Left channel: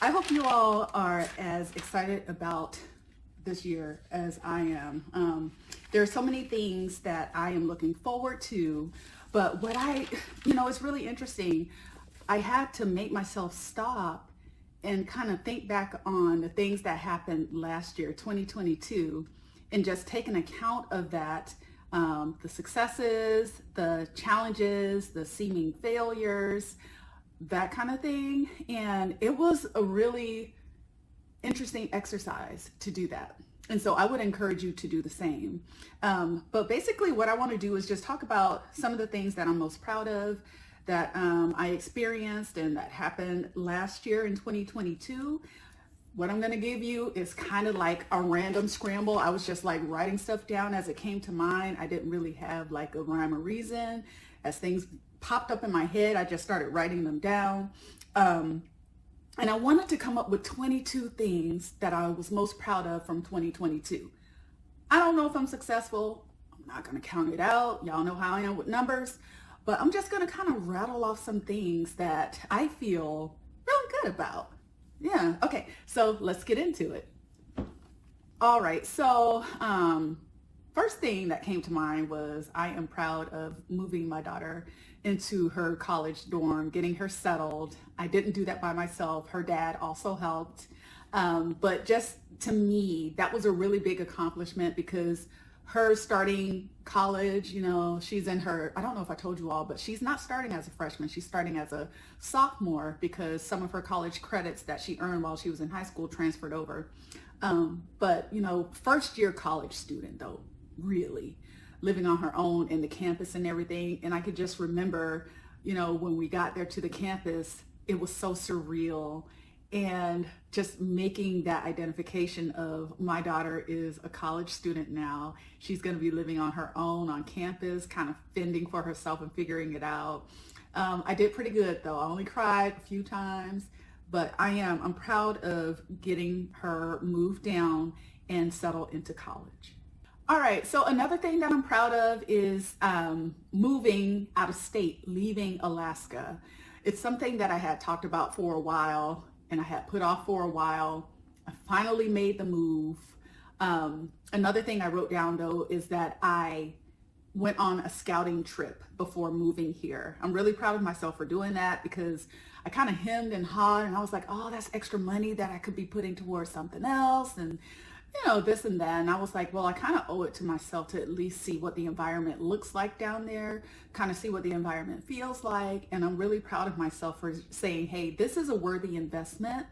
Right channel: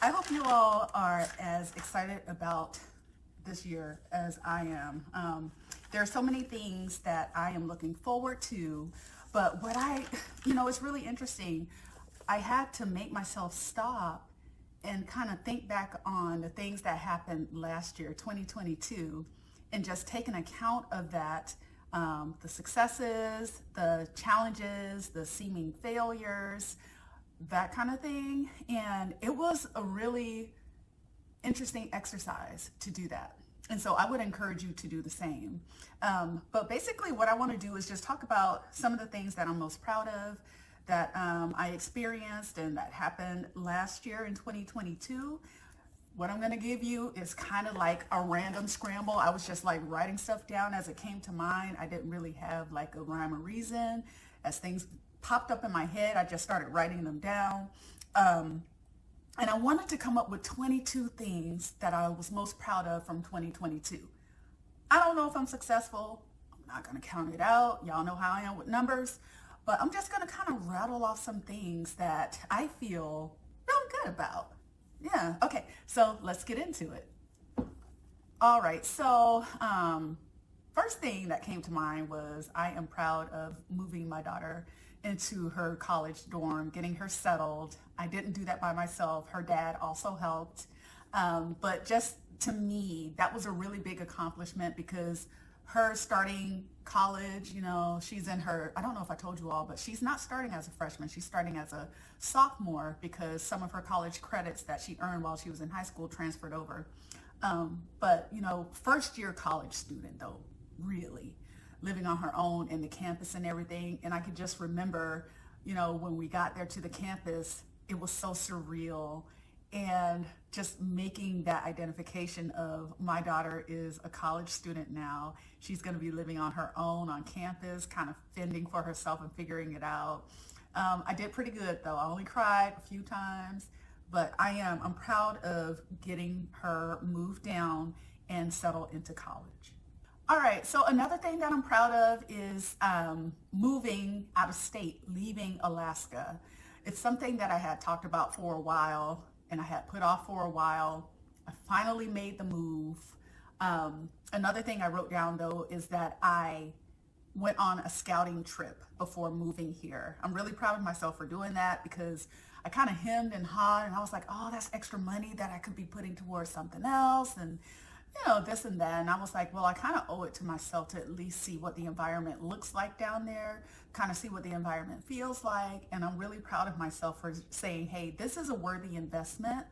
I hope you all are as excited about this year as I am. There are so many things that I am looking forward to, but it's really interesting. I had to make myself stop and kind of think back on the things that happened last year, 2022, and just take an account of that, the successes, the challenges, the seeming failures, that kind of thing. And it was a really interesting exercise to do that. And so I would encourage you to do the same. But basically what I want to do is just talk about some of the things that I'm most proud of, that I experienced and that happened last year in 2022. What I'm going to give you is kind of like a random scramble. I was just like writing stuff down as it came to mind. I didn't really have like a rhyme or reason. As things popped up in my head, I just started writing them down. And I wanted to come up with 22 things that I was most proud of from 2022. I don't know if I'm successful. I'm not going to count it out. Y'all know how I am with numbers. But I'm just going to kind of rattle off some things that I feel really good about. Yeah, okay, so let's get into it. All right, so first thing that came to mind was I am proud of moving my daughter into her college dorm, getting her settled. I didn't do that by myself. Her dad also helped. But just to me, that was a really big accomplishment because her starting college, she's in her, I don't know if I told you all, but she's not starting as a freshman. She's starting as a sophomore because some of her college credits that she earned while she was in high school transferred over. But first year college student though, really living on her own in the campus and everything. And I could just remember, when we got there to the campus, it was so surreal. And just making that identification of my daughter is a college student now. She's going to be living on her own on campus, kind of fending for herself and figuring it out. I did pretty good though. I only cried a few times, but I'm proud of getting her moved down and settled into college. All right, so another thing that I'm proud of is moving out of state, leaving Alaska. It's something that I had talked about for a while and I had put off for a while. I finally made the move. Another thing I wrote down though is that I went on a scouting trip before moving here. I'm really proud of myself for doing that because I kind of hemmed and hawed and I was like, oh, that's extra money that I could be putting towards something else and this and that. And I was like, well, I kind of owe it to myself to at least see what the environment looks like down there, kind of see what the environment feels like. And I'm really proud of myself for saying, hey, this is a worthy investment.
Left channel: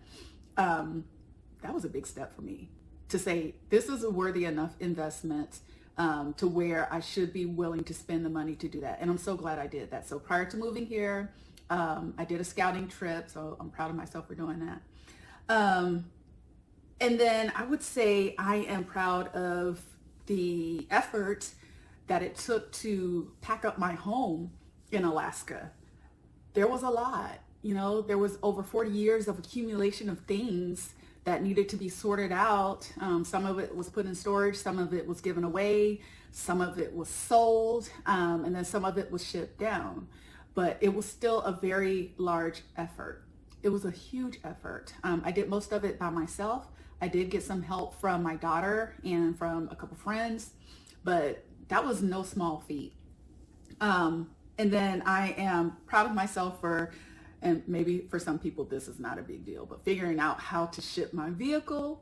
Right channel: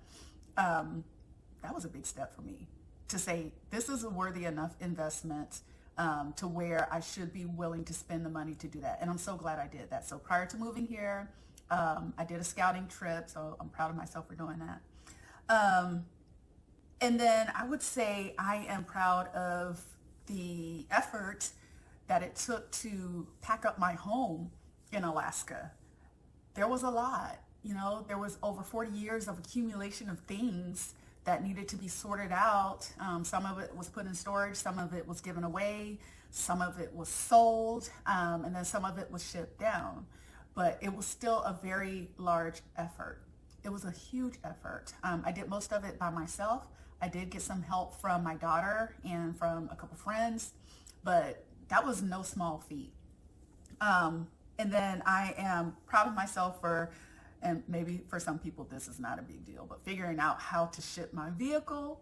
That was a big step for me to say, this is a worthy enough investment to where I should be willing to spend the money to do that. And I'm so glad I did that. So prior to moving here, I did a scouting trip. So I'm proud of myself for doing that. And then I would say I am proud of the effort that it took to pack up my home in Alaska. There was a lot, there was over 40 years of accumulation of things that needed to be sorted out. Some of it was put in storage, some of it was given away, some of it was sold, and then some of it was shipped down. But it was still a very large effort. It was a huge effort. I did most of it by myself. I did get some help from my daughter and from a couple friends, but that was no small feat. And then I am proud of myself for, and maybe for some people this is not a big deal, but figuring out how to ship my vehicle.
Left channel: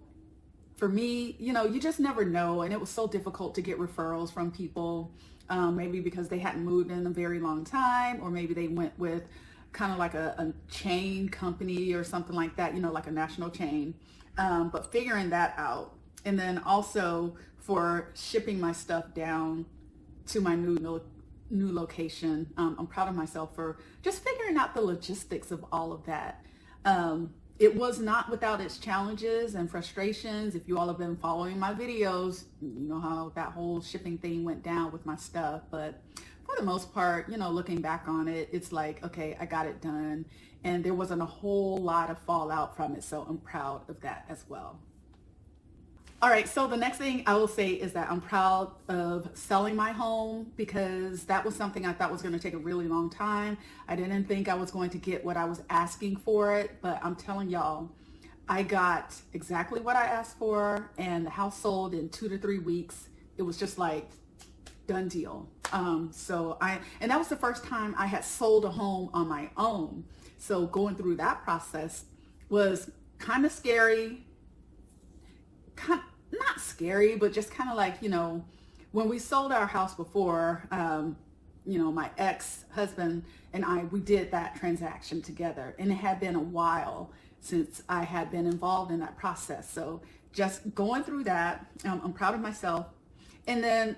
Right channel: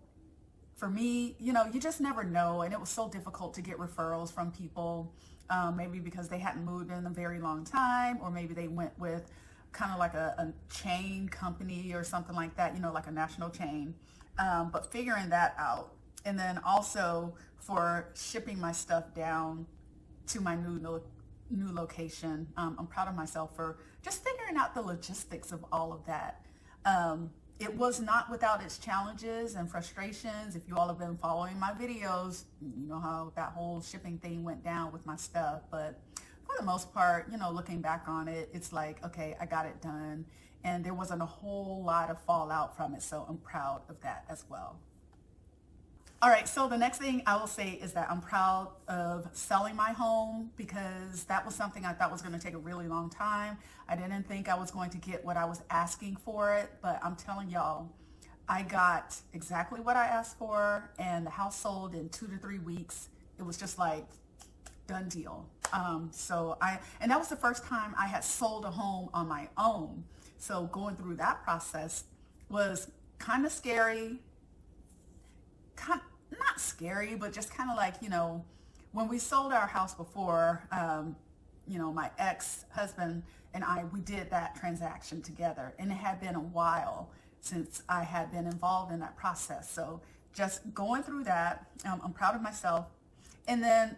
For me, you just never know. And it was so difficult to get referrals from people, maybe because they hadn't moved in a very long time, or maybe they went with kind of like a chain company or something like that, like a national chain. But figuring that out, and then also for shipping my stuff down to my new location, I'm proud of myself for just figuring out the logistics of all of that. It was not without its challenges and frustrations. If you all have been following my videos, you know how that whole shipping thing went down with my stuff. But for the most part, looking back on it, it's like, okay, I got it done. And there wasn't a whole lot of fallout from it. So I'm proud of that as well. All right, so the next thing I will say is that I'm proud of selling my home because that was something I thought was going to take a really long time. I didn't think I was going to get what I was asking for it, but I'm telling y'all, I got exactly what I asked for, and the house sold in 2 to 3 weeks. It was just like done deal. And that was the first time I had sold a home on my own. So going through that process was kind of scary, not scary, but just kind of like, when we sold our house before, my ex-husband and we did that transaction together, and it had been a while since I had been involved in that process. So just going through that, I'm proud of myself. And then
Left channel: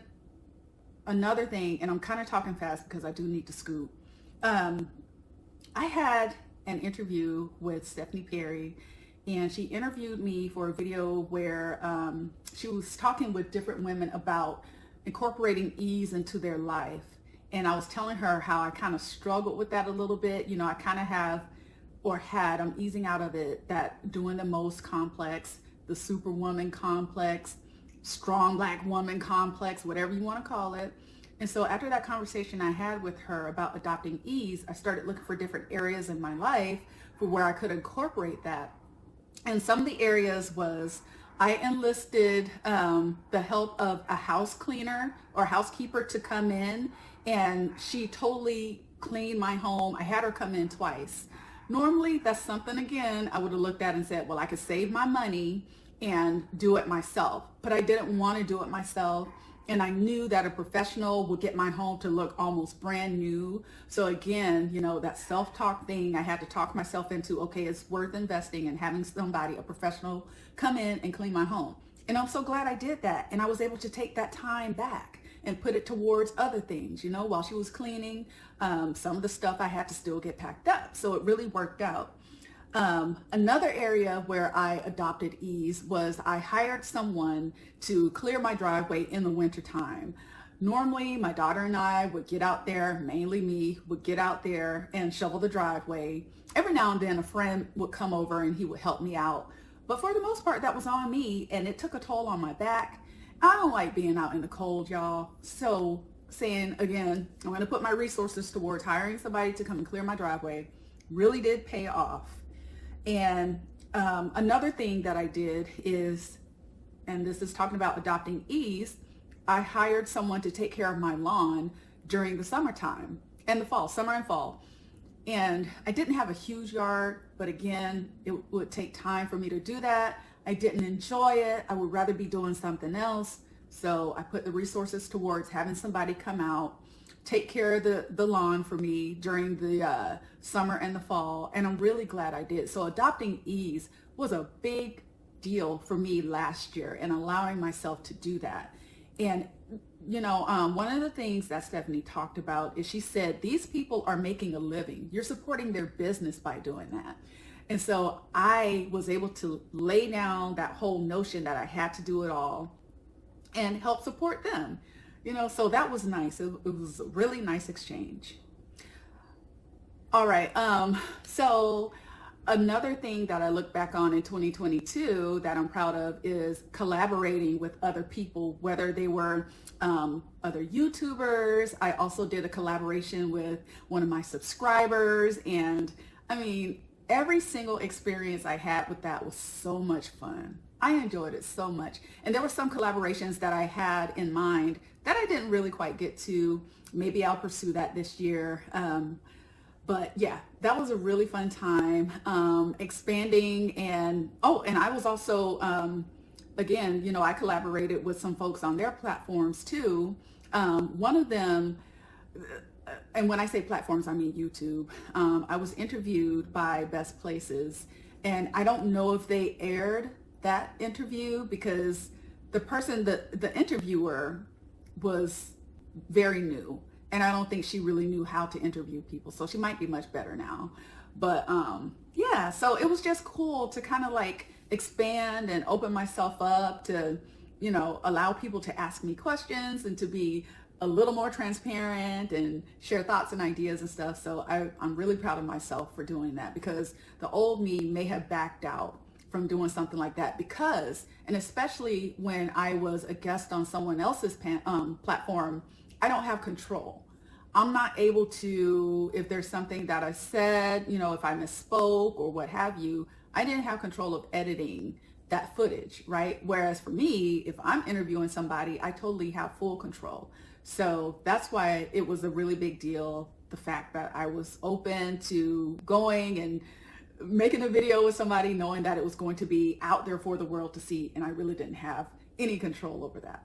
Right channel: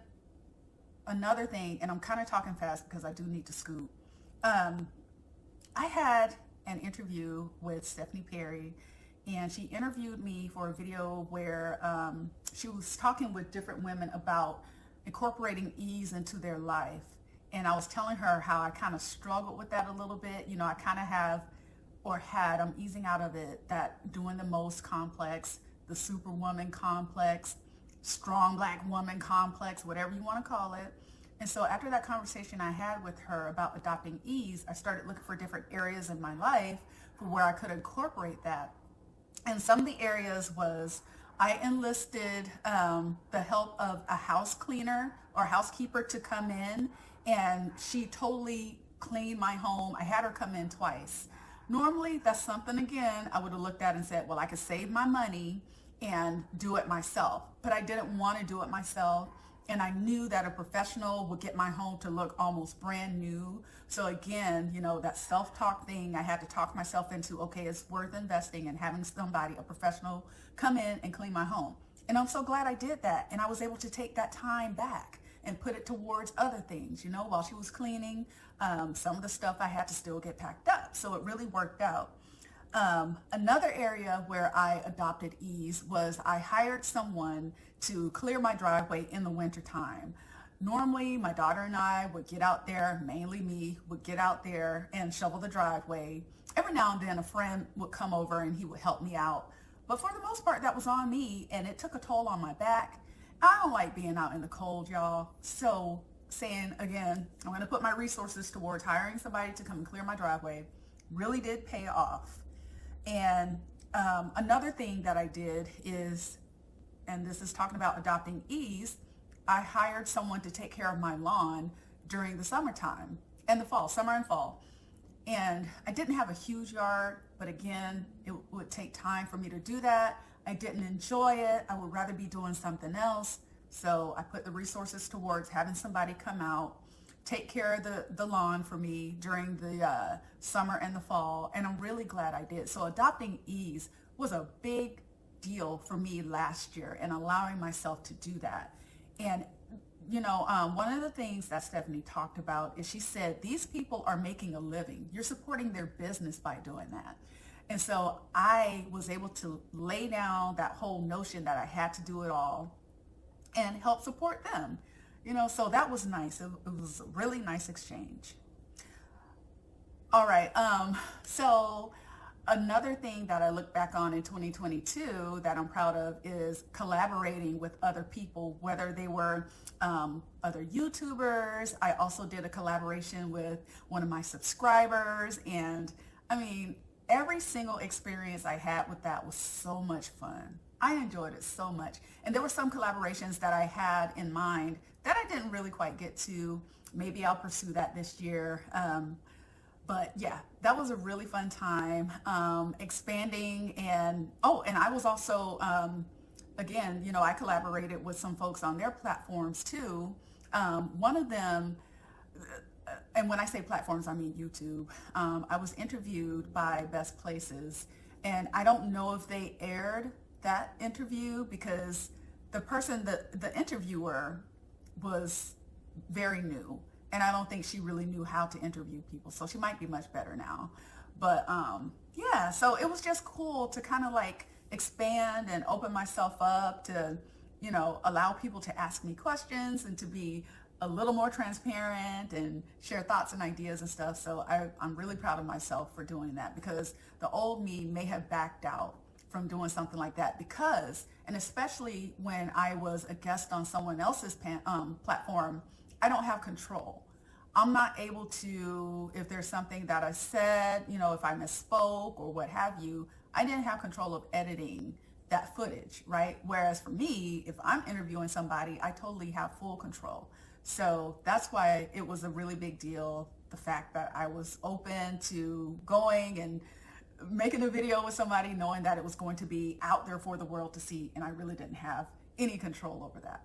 another thing, and I'm kind of talking fast because I do need to scoot. I had an interview with Stephanie Perry, and she interviewed me for a video where she was talking with different women about incorporating ease into their life. And I was telling her how I kind of struggled with that a little bit. I kind of I'm easing out of it, that doing the most complex, the superwoman complex, strong black woman complex, whatever you want to call it. And so after that conversation I had with her about adopting ease, I started looking for different areas in my life for where I could incorporate that. And some of the areas was I enlisted the help of a house cleaner or housekeeper to come in, and she totally cleaned my home. I had her come in twice. Normally, that's something, again, I would have looked at and said, well, I could save my money and do it myself. But I didn't want to do it myself. And I knew that a professional would get my home to look almost brand new. So again, that self-talk thing, I had to talk myself into, okay, it's worth investing in having somebody, a professional, come in and clean my home. And I'm so glad I did that. And I was able to take that time back and put it towards other things. While she was cleaning, some of the stuff I had to still get packed up. So it really worked out. Another area where I adopted ease was I hired someone to clear my driveway in the wintertime. Normally, my daughter and I would get out there, mainly me, would get out there and shovel the driveway. Every now and then a friend would come over and he would help me out. But for the most part, that was on me, and it took a toll on my back. I don't like being out in the cold, y'all. So saying, again, I'm going to put my resources towards hiring somebody to come and clear my driveway really did pay off. And another thing that I did is, and this is talking about adopting ease, I hired someone to take care of my lawn during the summertime and the fall, summer and fall. And I didn't have a huge yard, but again, it would take time for me to do that. I didn't enjoy it. I would rather be doing something else. So I put the resources towards having somebody come out, take care of the lawn for me during the summer and the fall. And I'm really glad I did. So adopting ease was a big deal for me last year, and allowing myself to do that. And one of the things that Stephanie talked about is she said, these people are making a living. You're supporting their business by doing that. And so I was able to lay down that whole notion that I had to do it all and help support them. So that was nice. It was a really nice exchange. All right. So another thing that I look back on in 2022 that I'm proud of is collaborating with other people, whether they were other YouTubers. I also did a collaboration with one of my subscribers. And I mean, every single experience I had with that was so much fun. I enjoyed it so much. And there were some collaborations that I had in mind that I didn't really quite get to. Maybe I'll pursue that this year. But yeah, that was a really fun time, expanding. And I was also, again, I collaborated with some folks on their platforms too. One of them, and when I say platforms, I mean YouTube. I was interviewed by Best Places, and I don't know if they aired that interview because the interviewer was very new, and I don't think she really knew how to interview people. So she might be much better now. But yeah, so it was just cool to kind of like expand and open myself up to, allow people to ask me questions and to be a little more transparent and share thoughts and ideas and stuff. So I'm really proud of myself for doing that, because the old me may have backed out from doing something like that and especially when I was a guest on someone else's platform, I don't have control. I'm not able to, if there's something that I said, if I misspoke or what have you, I didn't have control of editing that footage, right? Whereas for me, if I'm interviewing somebody, I totally have full control. So that's why it was a really big deal, the fact that I was open to going and making a video with somebody, knowing that it was going to be out there for the world to see, and I really didn't have any control over that.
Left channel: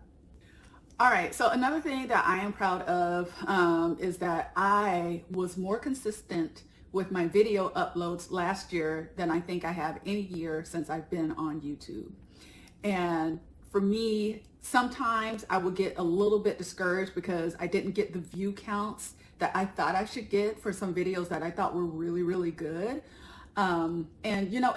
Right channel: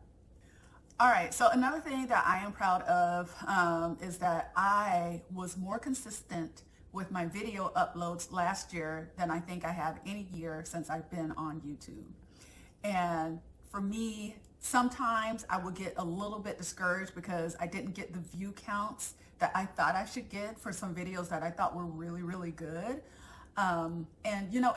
All right, so another thing that I am proud of is that I was more consistent with my video uploads last year than I think I have any year since I've been on YouTube. And for me, sometimes I would get a little bit discouraged because I didn't get the view counts that I thought I should get for some videos that I thought were really, really good. And you know,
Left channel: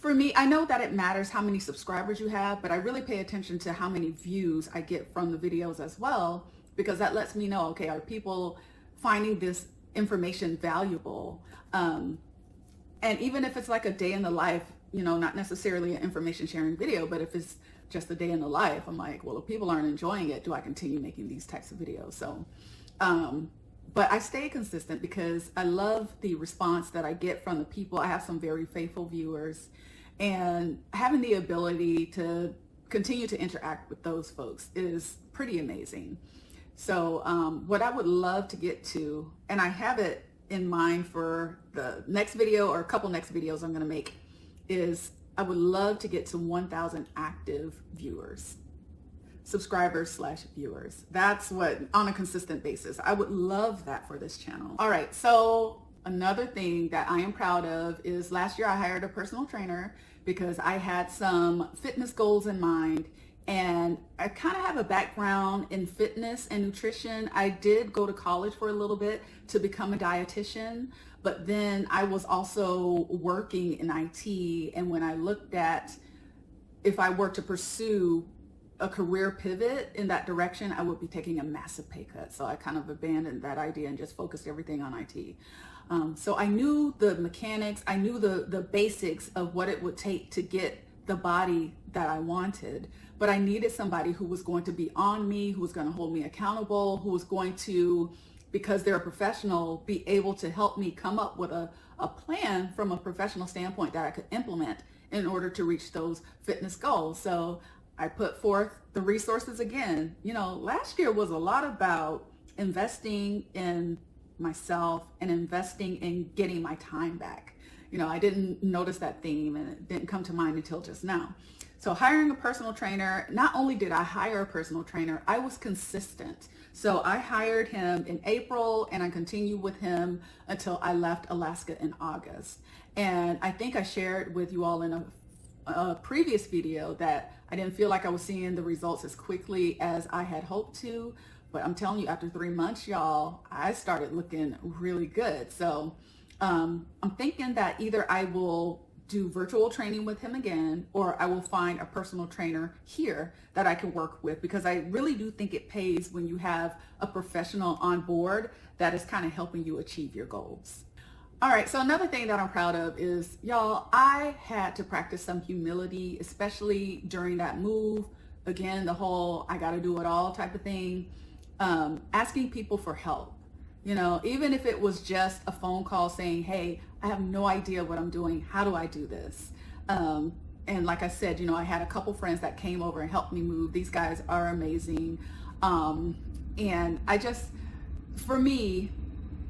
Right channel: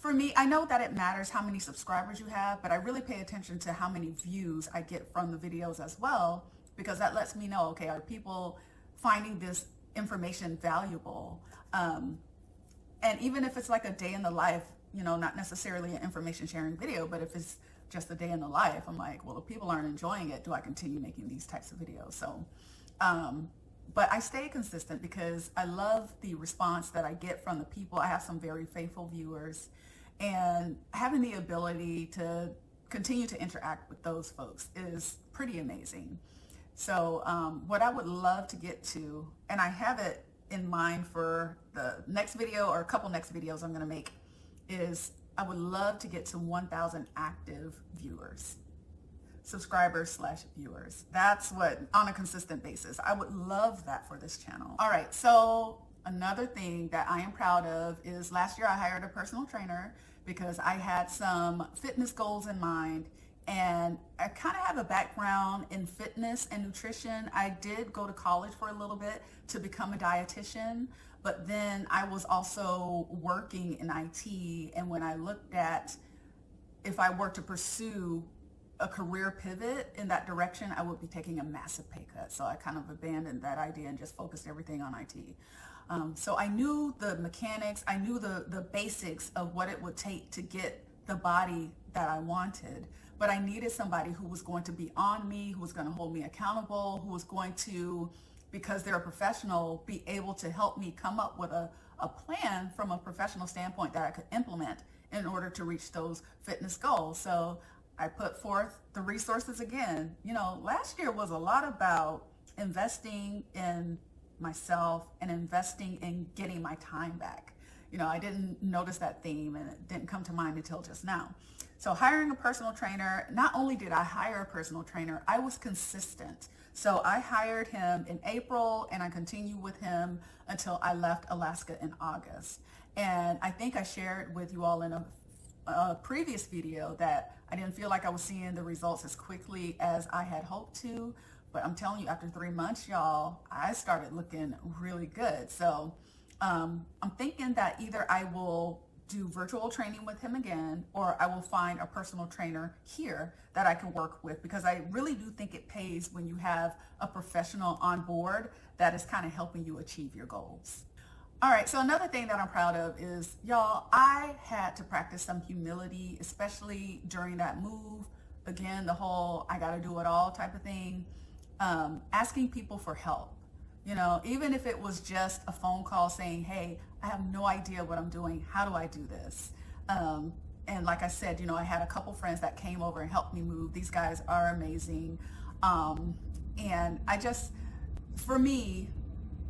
for me, I know that it matters how many subscribers you have, but I really pay attention to how many views I get from the videos as well, because that lets me know, okay, are people finding this information valuable? And even if it's like a day in the life, you know, not necessarily an information sharing video, but if it's just a day in the life, I'm like, well, if people aren't enjoying it, do I continue making these types of videos? So, but I stay consistent because I love the response that I get from the people. I have some very faithful viewers, and having the ability to continue to interact with those folks is pretty amazing. So what I would love to get to, and I have it in mind for the next video or a couple next videos I'm going to make, is I would love to get to 1,000 active viewers. Subscribers / viewers. That's what, on a consistent basis. I would love that for this channel. All right, so another thing that I am proud of is last year I hired a personal trainer because I had some fitness goals in mind, and I kind of have a background in fitness and nutrition. I did go to college for a little bit to become a dietitian, but then I was also working in IT, and when I looked at if I were to pursue a career pivot in that direction, I would be taking a massive pay cut. So I kind of abandoned that idea and just focused everything on IT. So I knew the mechanics, I knew the basics of what it would take to get the body that I wanted, but I needed somebody who was going to be on me, who was going to hold me accountable, who was going to, because they're a professional, be able to help me come up with a plan from a professional standpoint that I could implement in order to reach those fitness goals. So I put forth the resources again. You know, last year was a lot about investing in myself and investing in getting my time back. You know, I didn't notice that theme and it didn't come to mind until just now. So hiring a personal trainer, not only did I hire a personal trainer, I was consistent. So I hired him in April and I continued with him until I left Alaska in August. And I think I shared with you all in a previous video that I didn't feel like I was seeing the results as quickly as I had hoped to, but I'm telling you, after 3 months, y'all, I started looking really good. So I'm thinking that either I will do virtual training with him again, or I will find a personal trainer here that I can work with, because I really do think it pays when you have a professional on board that is kind of helping you achieve your goals. All right, so another thing that I'm proud of is, y'all, I had to practice some humility, especially during that move. Again, the whole I gotta do it all type of thing. Asking people for help. You know, even if it was just a phone call saying, hey, I have no idea what I'm doing. How do I do this? And like I said, you know, I had a couple friends that came over and helped me move. These guys are amazing. And I just, for me,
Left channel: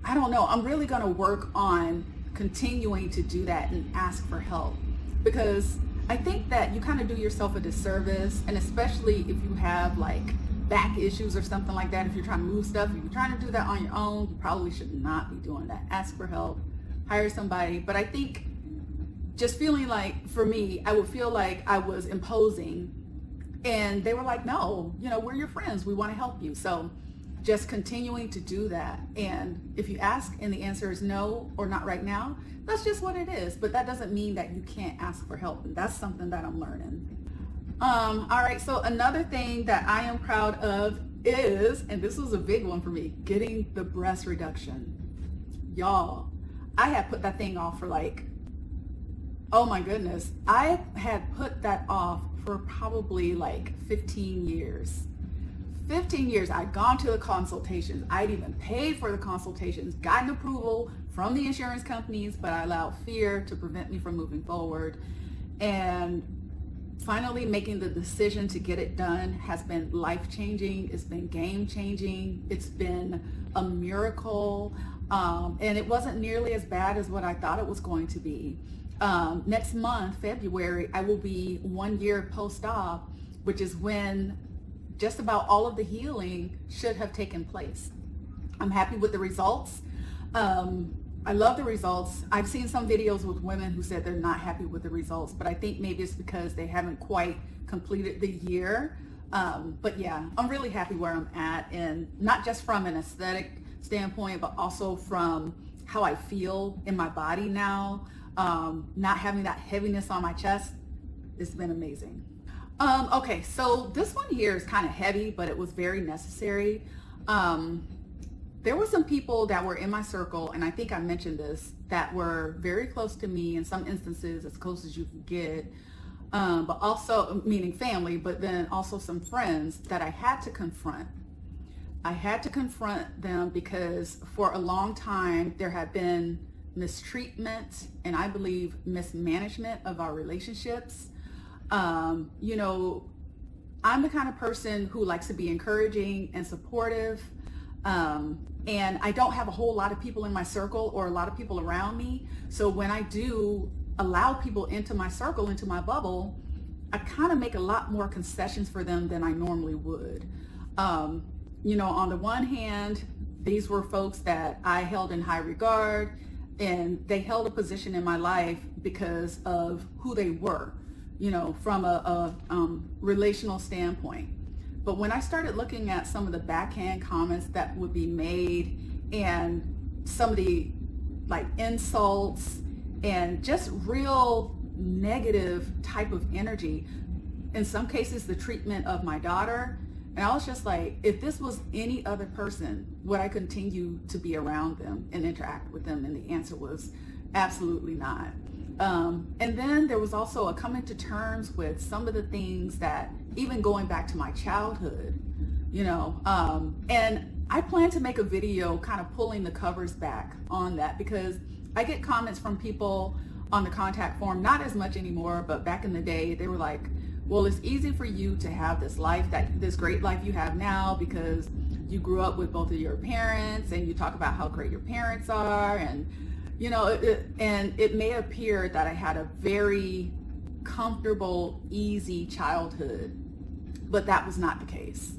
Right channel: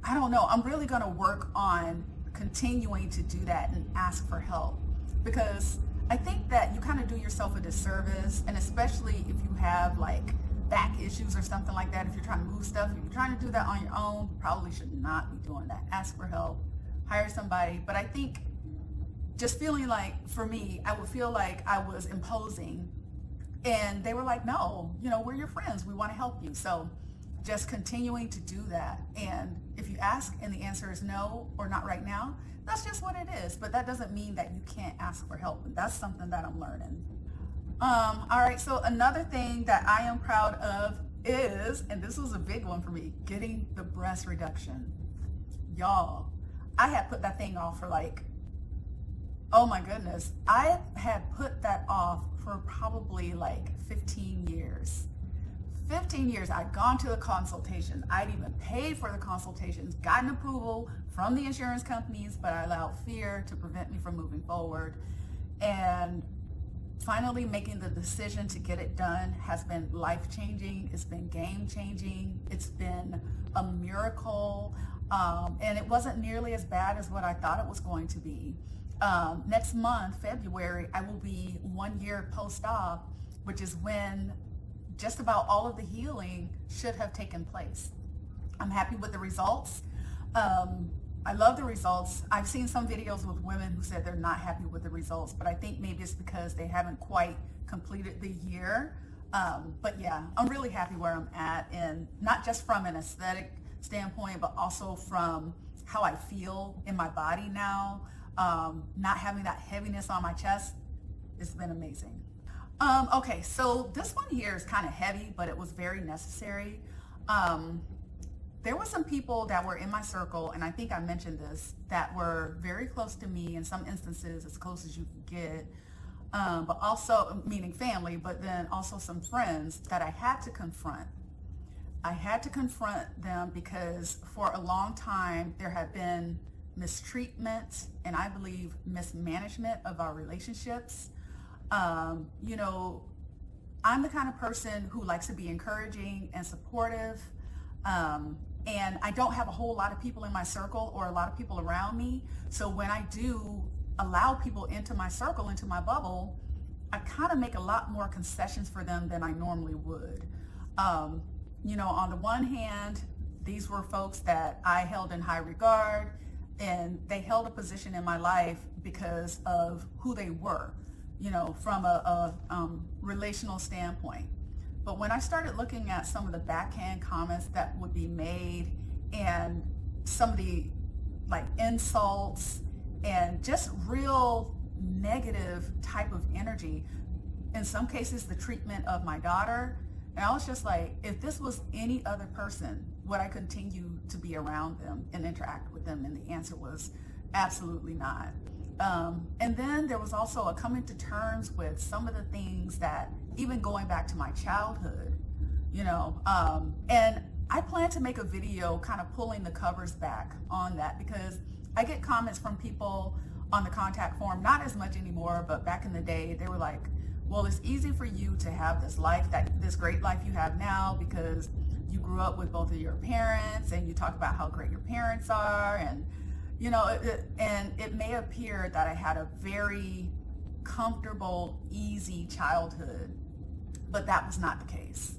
I don't know, I'm really gonna work on continuing to do that and ask for help, because I think that you kind of do yourself a disservice, and especially if you have like back issues or something like that, if you're trying to move stuff, if you're trying to do that on your own, you probably should not be doing that. Ask for help, hire somebody. But I think just feeling like, for me, I would feel like I was imposing, and they were like, no, you know, we're your friends, we want to help you. So just continuing to do that. And if you ask and the answer is no or not right now, that's just what it is. But that doesn't mean that you can't ask for help. And that's something that I'm learning. All right, so another thing that I am proud of is, and this was a big one for me, getting the breast reduction. Y'all, I had put that thing off for like, oh my goodness, I had put that off for probably like 15 years. 15 years, I'd gone to the consultations. I'd even paid for the consultations, gotten approval from the insurance companies, but I allowed fear to prevent me from moving forward. And finally making the decision to get it done has been life-changing. It's been game-changing. It's been a miracle. And it wasn't nearly as bad as what I thought it was going to be. Next month, February, I will be 1 year post-op, which is when just about all of the healing should have taken place. I'm happy with the results. I love the results. I've seen some videos with women who said they're not happy with the results, but I think maybe it's because they haven't quite completed the year. But yeah, I'm really happy where I'm at, and not just from an aesthetic standpoint, but also from how I feel in my body now. Not having that heaviness on my chest, it's been amazing. Okay, so this one here is kind of heavy, but it was very necessary. There were some people that were in my circle, and I think I mentioned this, that were very close to me, in some instances as close as you can get, but also, meaning family, but then also some friends that I had to confront. I had to confront them because for a long time there had been mistreatment and I believe mismanagement of our relationships. You know, I'm the kind of person who likes to be encouraging and supportive. And I don't have a whole lot of people in my circle or a lot of people around me. So when I do allow people into my circle, into my bubble, I kind of make a lot more concessions for them than I normally would. You know, on the one hand, these were folks that I held in high regard, and they held a position in my life because of who they were, you know, from a relational standpoint. But when I started looking at some of the backhand comments that would be made and some of the like insults and just real negative type of energy, in some cases the treatment of my daughter, and I was just like, if this was any other person, would I continue to be around them and interact with them? And the answer was absolutely not. And then there was also a coming to terms with some of the things that, even going back to my childhood, you know, and I plan to make a video kind of pulling the covers back on that, because I get comments from people on the contact form, not as much anymore, but back in the day, they were like, well, it's easy for you to have this life, this great life you have now, because you grew up with both of your parents and you talk about how great your parents are, and you know, it may appear that I had a very comfortable, easy childhood, but that was not the case.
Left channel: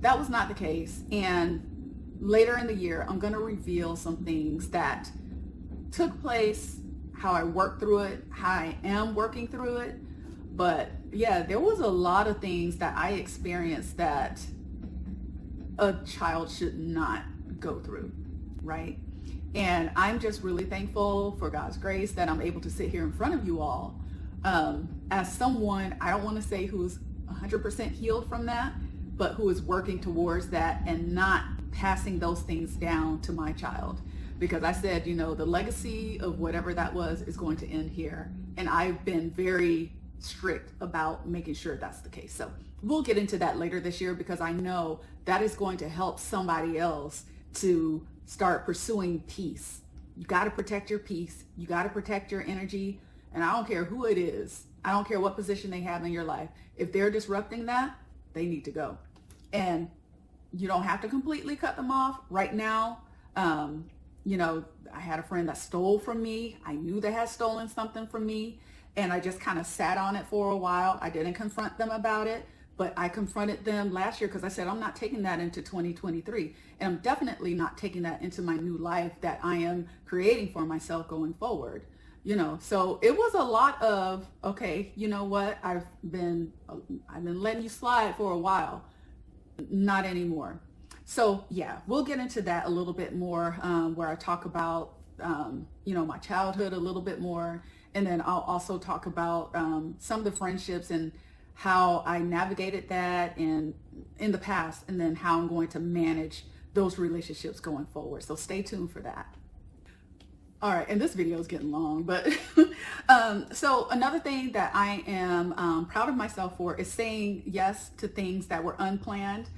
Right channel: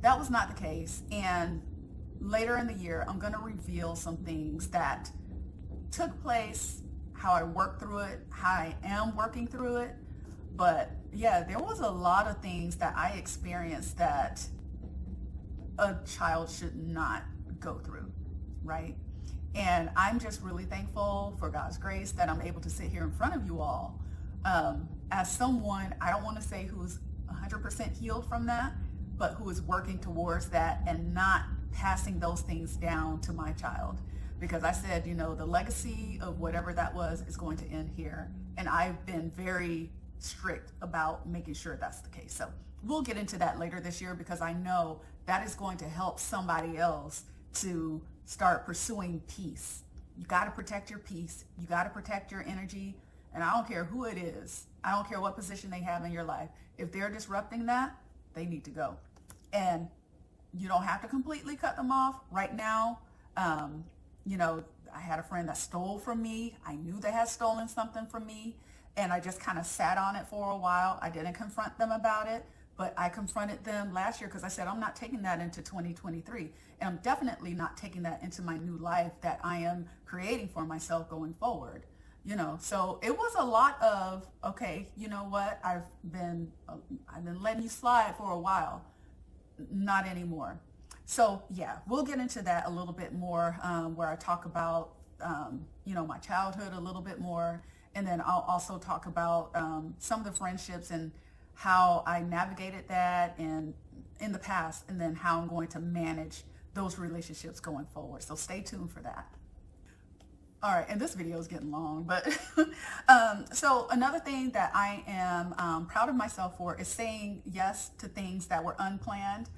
That was not the case. And later in the year, I'm going to reveal some things that took place, how I worked through it, how I am working through it. But yeah, there was a lot of things that I experienced that a child should not go through, right? And I'm just really thankful for God's grace that I'm able to sit here in front of you all as someone, I don't want to say who's 100% healed from that, but who is working towards that and not passing those things down to my child. Because I said, you know, the legacy of whatever that was is going to end here. And I've been very strict about making sure that's the case. So we'll get into that later this year, because I know that is going to help somebody else to start pursuing peace. You got to protect your peace. You got to protect your energy. And I don't care who it is. I don't care what position they have in your life. If they're disrupting that, they need to go. And you don't have to completely cut them off right now. You know, I had a friend that stole from me. I knew they had stolen something from me, and I just kind of sat on it for a while. I didn't confront them about it, but I confronted them last year because I said, I'm not taking that into 2023. And I'm definitely not taking that into my new life that I am creating for myself going forward. You know, so it was a lot of, okay, you know what? I've been letting you slide for a while. Not anymore. So yeah, we'll get into that a little bit more, where I talk about, you know, my childhood a little bit more. And then I'll also talk about some of the friendships and how I navigated that and in the past, and then how I'm going to manage those relationships going forward. So stay tuned for that. All right, and this video is getting long, but so another thing that I am proud of myself for is saying yes to things that were unplanned.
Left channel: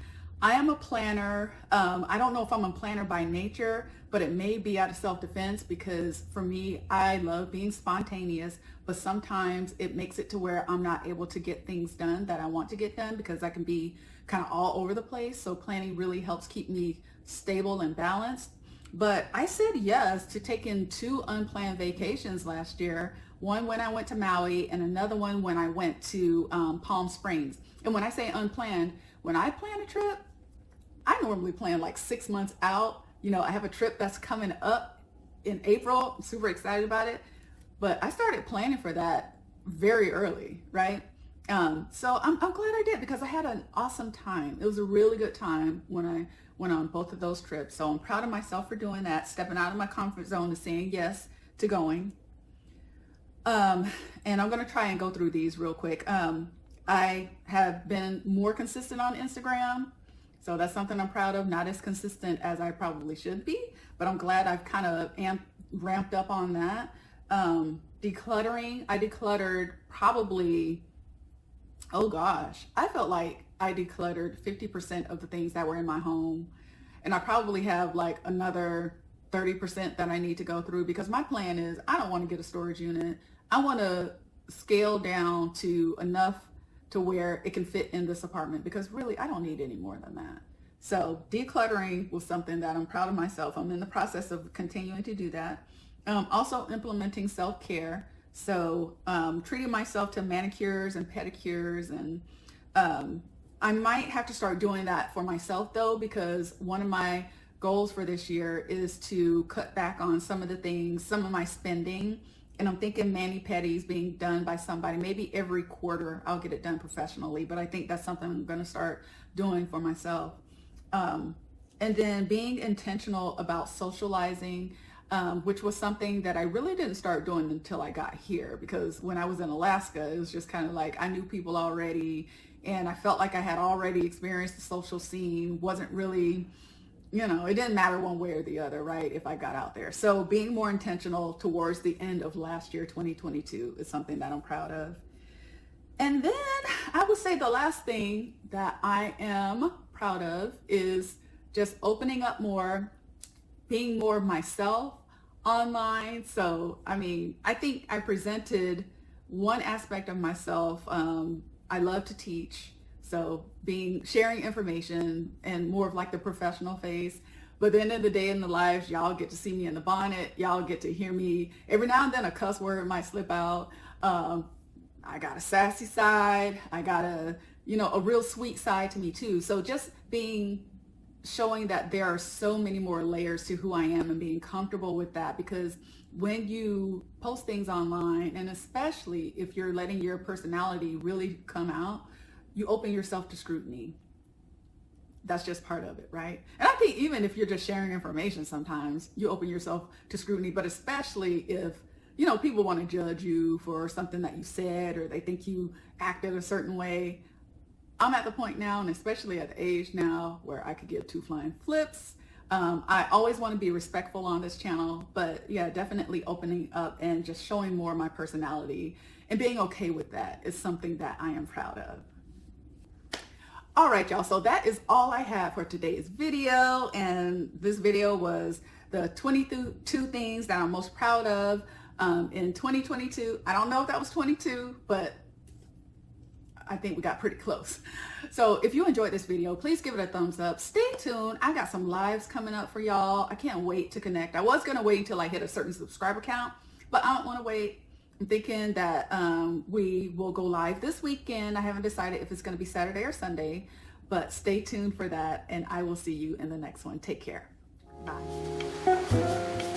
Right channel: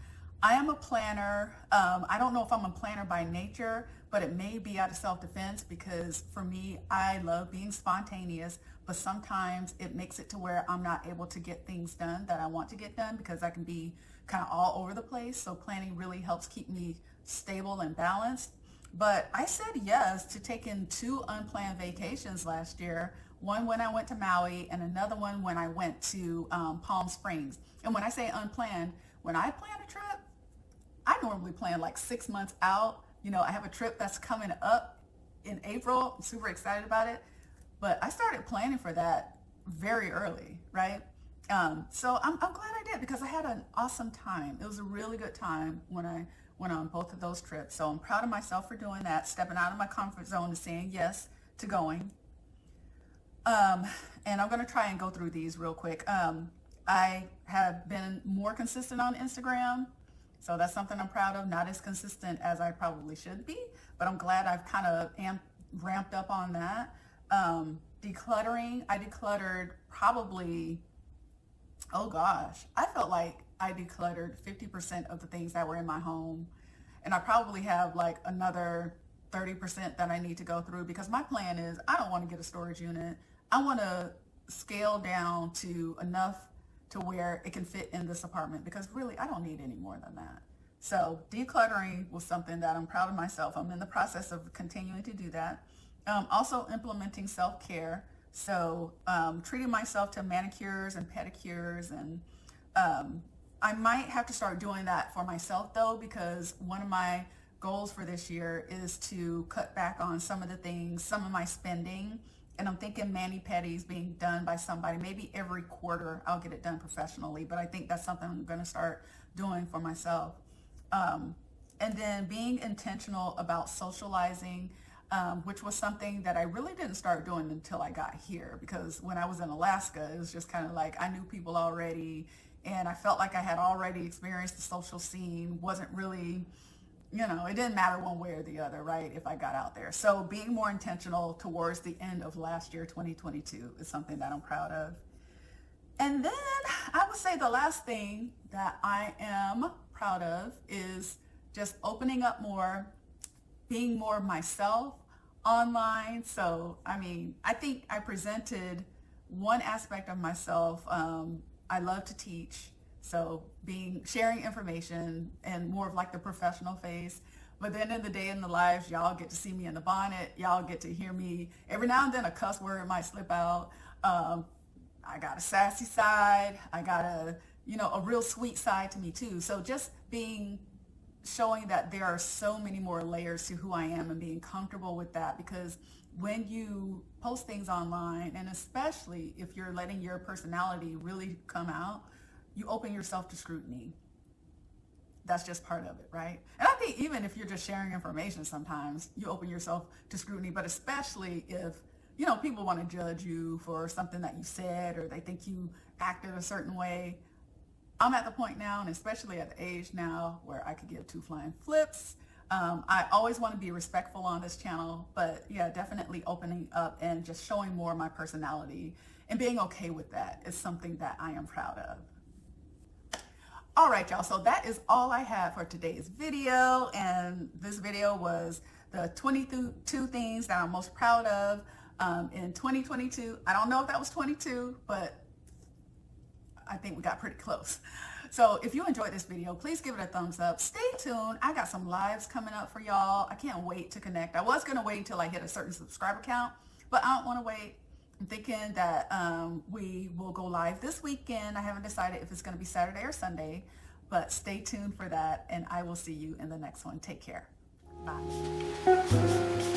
I am a planner. I don't know if I'm a planner by nature, but it may be out of self-defense because for me, I love being spontaneous, but sometimes it makes it to where I'm not able to get things done that I want to get done because I can be kind of all over the place. So planning really helps keep me stable and balanced. But I said yes to taking 2 unplanned vacations last year. One when I went to Maui and another one when I went to Palm Springs. And when I say unplanned, when I plan a trip, I normally plan like 6 months out. You know, I have a trip that's coming up in April. I'm super excited about it. But I started planning for that very early, right? So I'm glad I did because I had an awesome time. It was a really good time when I went on both of those trips. So I'm proud of myself for doing that, stepping out of my comfort zone and saying yes to going. And I'm going to try and go through these real quick. I have been more consistent on Instagram. So that's something I'm proud of. Not as consistent as I probably should be, but I'm glad I've kind of ramped up on that. Decluttering, I decluttered probably, oh gosh, I felt like I decluttered 50% of the things that were in my home. And I probably have like another 30% that I need to go through because my plan is I don't want to get a storage unit. I want to scale down to enough to where it can fit in this apartment because really I don't need any more than that. So decluttering was something that I'm proud of myself. I'm in the process of continuing to do that. Also implementing self-care. So treating myself to manicures and pedicures, and I might have to start doing that for myself though, because one of my goals for this year is to cut back on some of the things, some of my spending. And I'm thinking mani-pedis being done by somebody, maybe every quarter I'll get it done professionally, but I think that's something I'm gonna start doing for myself. And then being intentional about socializing, which was something that I really didn't start doing until I got here, because when I was in Alaska, it was just kind of like I knew people already and I felt like I had already experienced the social scene. Wasn't really, you know, it didn't matter one way or the other, right, if I got out there. So being more intentional towards the end of last year, 2022, is something that I'm proud of. And then I would say the last thing that I am proud of is just opening up more, being more myself online. So, I mean, I think I presented one aspect of myself. I love to teach. So sharing information and more of like the professional face. But then at the day in the lives, y'all get to see me in the bonnet. Y'all get to hear me. Every now and then a cuss word might slip out. I got a sassy side. I got a real sweet side to me too. So just showing that there are so many more layers to who I am and being comfortable with that, because when you post things online, and especially if you're letting your personality really come out, you open yourself to scrutiny. That's just part of it, right? And I think even if you're just sharing information, sometimes you open yourself to scrutiny, but especially if, people want to judge you for something that you said, or they think you acted a certain way. I'm at the point now, and especially at the age now, where I could give 2 flying flips. I always want to be respectful on this channel, but yeah, definitely opening up and just showing more of my personality and being okay with that is something that I am proud of. All right, y'all, so that is all I have for today's video, and this video was the 22 things that I'm most proud of in 2022. I don't know if that was 22, but I think we got pretty close. So if you enjoyed this video, please give it a thumbs up. Stay tuned. I got some lives coming up for y'all. I can't wait to connect. I was going to wait until I hit a certain subscriber count, but I don't want to wait. I'm thinking that we will go live this weekend. I haven't decided if it's going to be Saturday or Sunday, but stay tuned for that, and I will see you in the next one. Take care. Bye.